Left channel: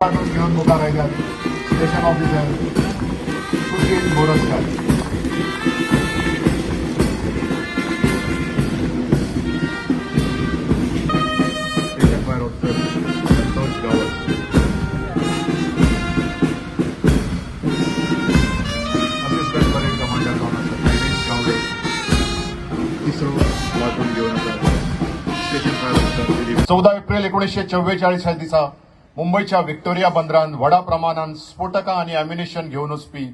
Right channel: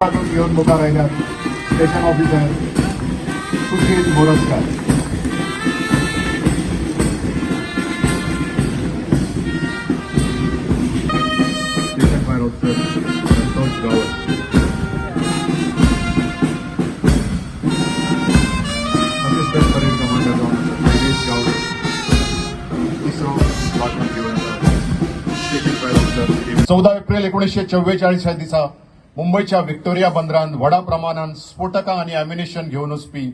घेऊन मुका राहिल्यात station officer Sushil Morajkar. Station fire officer Santosh गावत. असिस्टंट परेड कमांडर आयुष गावत. इस्रो मार्कम घेऊन स्टेशन फायर ऑफिसर. 14 एप्रिल 1944 ह्या दिसा मुंबईच्या व्हिक्टोरिया बंदरान व्हडा प्रमाणात स्फोटकां आनी एम्युनिशन घेवन वचपी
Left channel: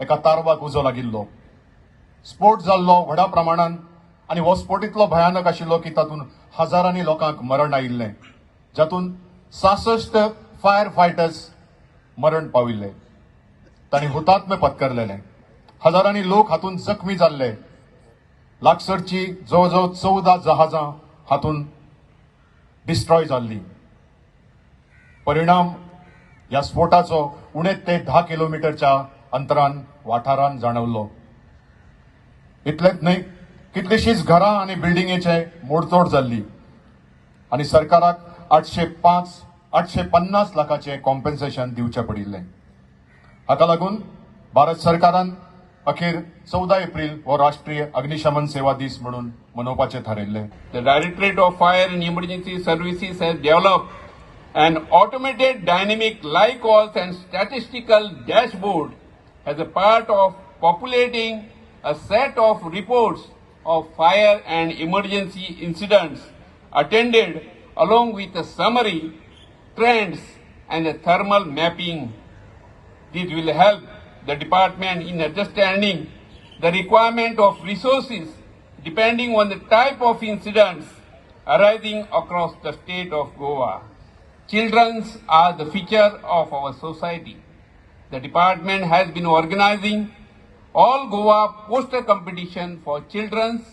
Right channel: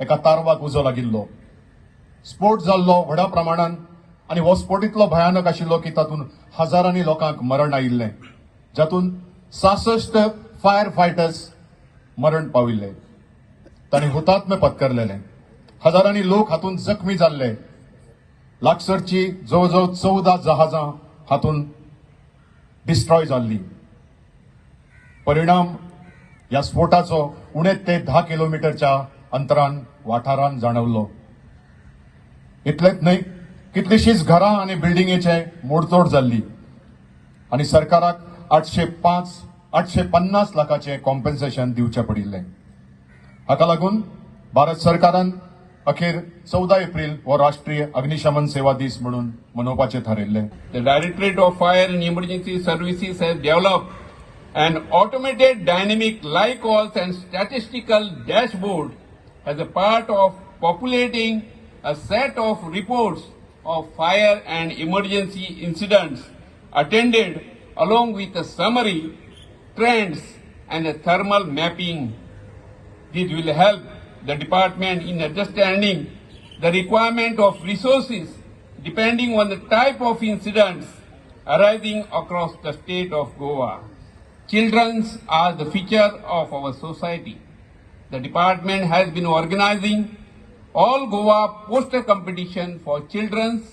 एका तारवाक उजो लागिल्लो. स्फोट जाल्लो व्हडा प्रमाणात आनी हो स्फोट इतलो भयानक आशिल्लो की तातूंत हजारांनी लोकांक मरण आयिल्लें, जातूंत 66 फायर फायटर्स मरण पाविल्ले. तांणी हुतात्मे पत्करलेले. हजारांनी लोक हातूंत जखमी जाल्ले. लागसरची जवळजवळ 14 जहाजां हातूंत डिस्ट्रॉय जाल्ली. परिणाम या स्फोटाचो उणे ते 10 किलोमीटरच्या अंतरान वाठारान जाणवलो. इतलेंच न्हय, कितलीशींच घरां आनी बिल्डिंगेचे मोडतोड जाल्ली आनी सरकाराक 850 लाखांचे कॉम्पेन्सेशन दिवचें पडिल्लें. हाका लागून भारत सरकारान अखेर 14 एप्रिल हो राष्ट्रीय अग्निशमन सेवा दीस म्हणून मनोवपाचें थारायल्लें. The Directorate of Fire and Emergency Services has developed an automated dynamic live calls and statistical dashboard as a part of populating a set of reports of fire and emergency incidents attended along with a summary, trends and a thermal mapping. This will help the department in understanding the requirement of resources depending on the type of incidents arising across the state of Goa. Children are the future of our society. The department has been organizing all Goa poster competition for children.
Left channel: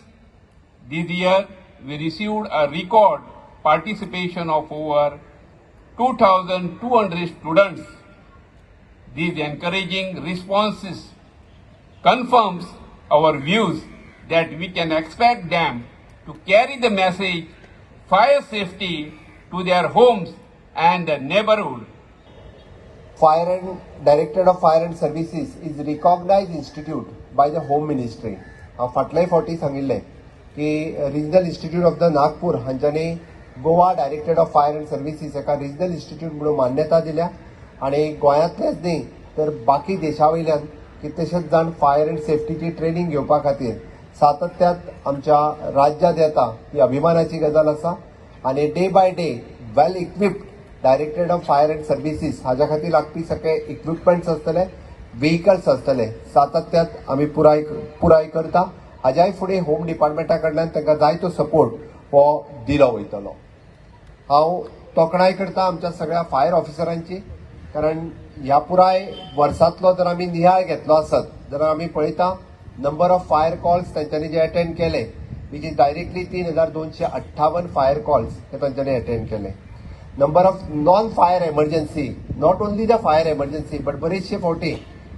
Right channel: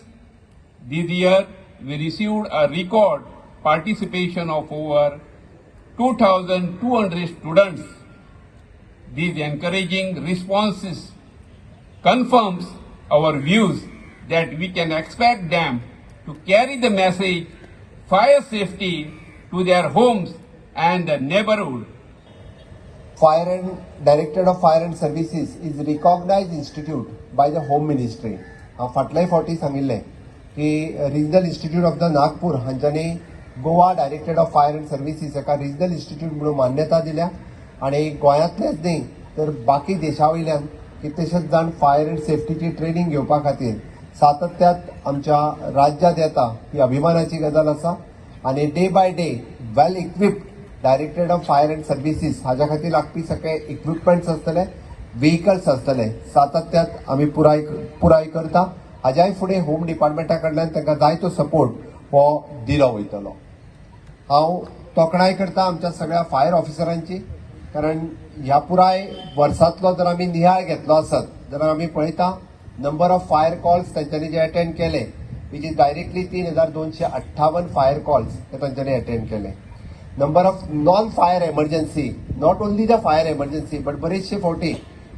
This year, we received a record participation of over 2,200 students. These encouraging responses confirms our views that we can expect them to carry the message fire safety to their homes and the neighborhood. Fire and Directorate of Fire and Services is a recognized institute by the Home Ministry. फाटल्याय फावटी सांगिल्लें की regional institute of the Nagpur हांच्यांनी Goa directorate of fire and services एका regional institute म्हणून मान्यता दिल्या आनी गोंयांतलेच न्ही तर बाकी देशा वयल्यान कितलेशेच जाण फायर अँड सेफ्टीची ट्रेनिंग घेवपा खातीर सातत्यात आमच्या राज्यांत येता ही अभिमानाची गजाल आसा. आनी day by day well equipped directorate of fire and services हाज्या खातीर लागपी सगळे इक्विपमेंट्स आसतले, व्हेहिकल्स आसतले, सातत्यात आमी पुराय करता. हाज्याय फुडें होम डिपार्टमेंटा कडल्यान तांकां जाय तो सपोर्ट हो दिलो वयतलो. हांव तोखणाय करता आमच्या सगळ्या फायर ऑफिसरांची, कारण ह्या पुराय वर्सांतलो जर आमी नियाळ घेतलो आसत जाल्यार आमी पळयता नंबर ऑफ फायर कॉल्स तांच्यांनी जे अटेंड केले which is directly 3,258 fire calls हे तांच्यांनी अटेंड केले. Number of non fire emergency, not only the fire emergency but बरेचशे फावटी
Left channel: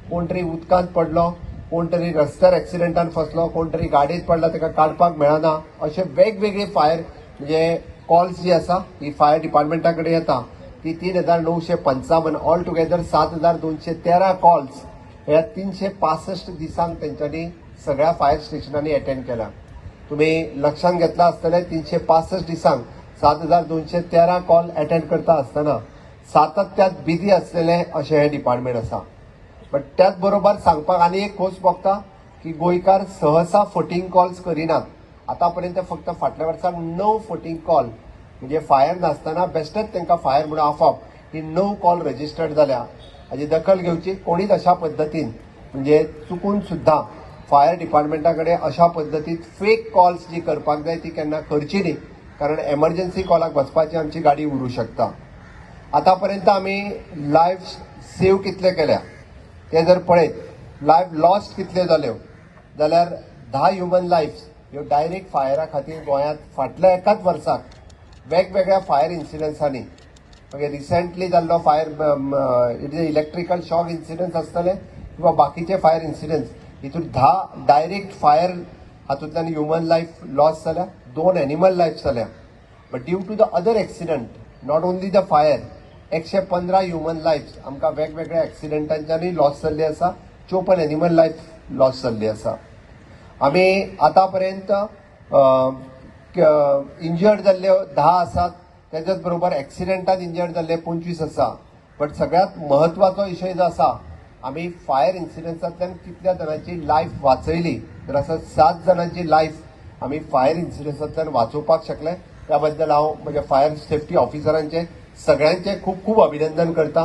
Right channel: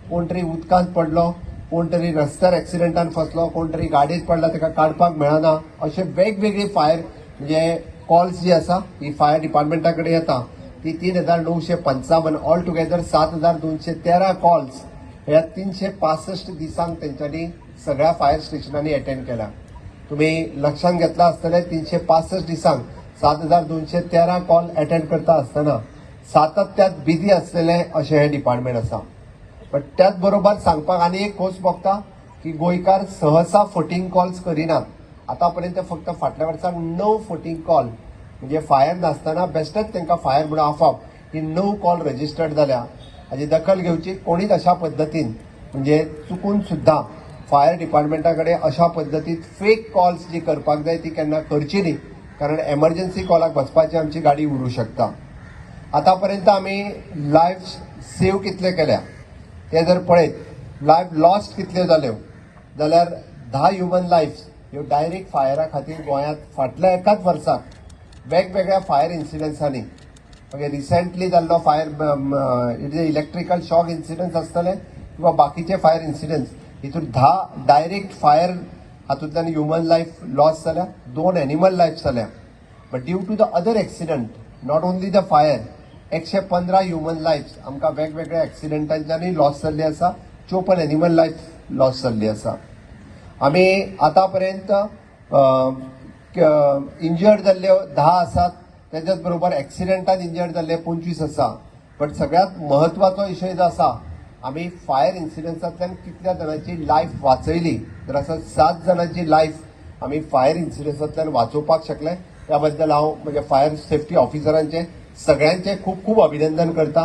कोण तरी उदकांत पडलो, कोण तरी रस्त्यार एक्सिडेंटान फसलो, कोण तरी गाडयेंत पडला ताका काडपाक मेळना, अशे वेगवेगळे फायर म्हणजे कॉल्स जी आसा ही फायर डिपार्टमेंटा कडेन येता ती 3,955 ऑल टुगेदर 7,213 कॉल्स ह्या 365 दिसांक तेंच्यांनी सगळ्या फायर स्टेशनांनी अटेंड केल्या. तुम्ही लक्षात घेतला आसतलें 365 दिसांक 7,213 कॉल अटेंड करता आसतना सातत्यात बिजी आसलेले अशें हें डिपार्टमेंट आसा. बट त्याच बरोबर सांगपाक आनी एक खोस भोगता की गोंयकार सहसा फटींग कॉल्स करिनात. आतां पर्यंत फक्त फाटल्या वर्साक 9 फटींग कॉल म्हणजे फायर नासतना बेश्टेच तांकां फायर म्हणून आफाप ही 9 कॉल रजिस्टर्ड जाल्या. हाची दखल घेवची कोणीच अशा पद्दतीन म्हणजे चुकून सुद्दां फायर डिपार्टमेंटा कडेन अशा पद्दतीन फेक कॉल्स जी करपाक जाय ती केन्ना करची न्ही, कारण एमर्जन्सी कॉलाक वचपाची आमची गाडी उरूं शकता. आतां पर्यंत आमी लायफ सेव कितले केल्या ते जर पळयत लायफ लॉस्ट कितल्यो जाल्यो जाल्यार 10 ह्युमन लायफ्स ह्यो डायरेक्ट फायरा खातीर गोंयांत फाटल्या एकाच वर्साक वेगवेगळ्या फायर इन्सिडंट्सांनी म्हणजे रिसेंटली जाल्लो फायर इलेक्ट्रिकल शॉक इन्सिडंट्स आसतले किंवा बाकीचे फायर इन्सिडंट्स हितून 10 डायरेक्ट फायर हातूंतल्यान ह्युमन लायफ लॉस जाल्या, 2 एनिमल लायफ जाल्या. But due to the other accident, not only the fire, 115 human lifes आमकां वेगवेगळ्या एक्सिडेंटांच्यानी लॉस जाल्ली आसा 54 एनिमल लायफ लॉस जाल्ली आसा. आमी आतां पर्यंत इंजर्ड जाल्ले 10 आसात, त्याच्याच बरोबर एक्सिडेंटान इंजर्ड जाल्ले 25 आसा. पण सगळ्यात महत्वाचो विषय जो आसा, आमी फायर इन्सिडन्सांतल्यान कितल्या जाणांची लायफ वाचयली, तर आसा 7 जाणांची लायफ आमी फायर इन्सिडन्सांतल्यान वाचोवपाक शकले. त्या बद्दल हांव म्हज्या फायर सेफ्टी ऑफिसरांचे सगळ्यांचे खूब खूब अभिनंदन करता.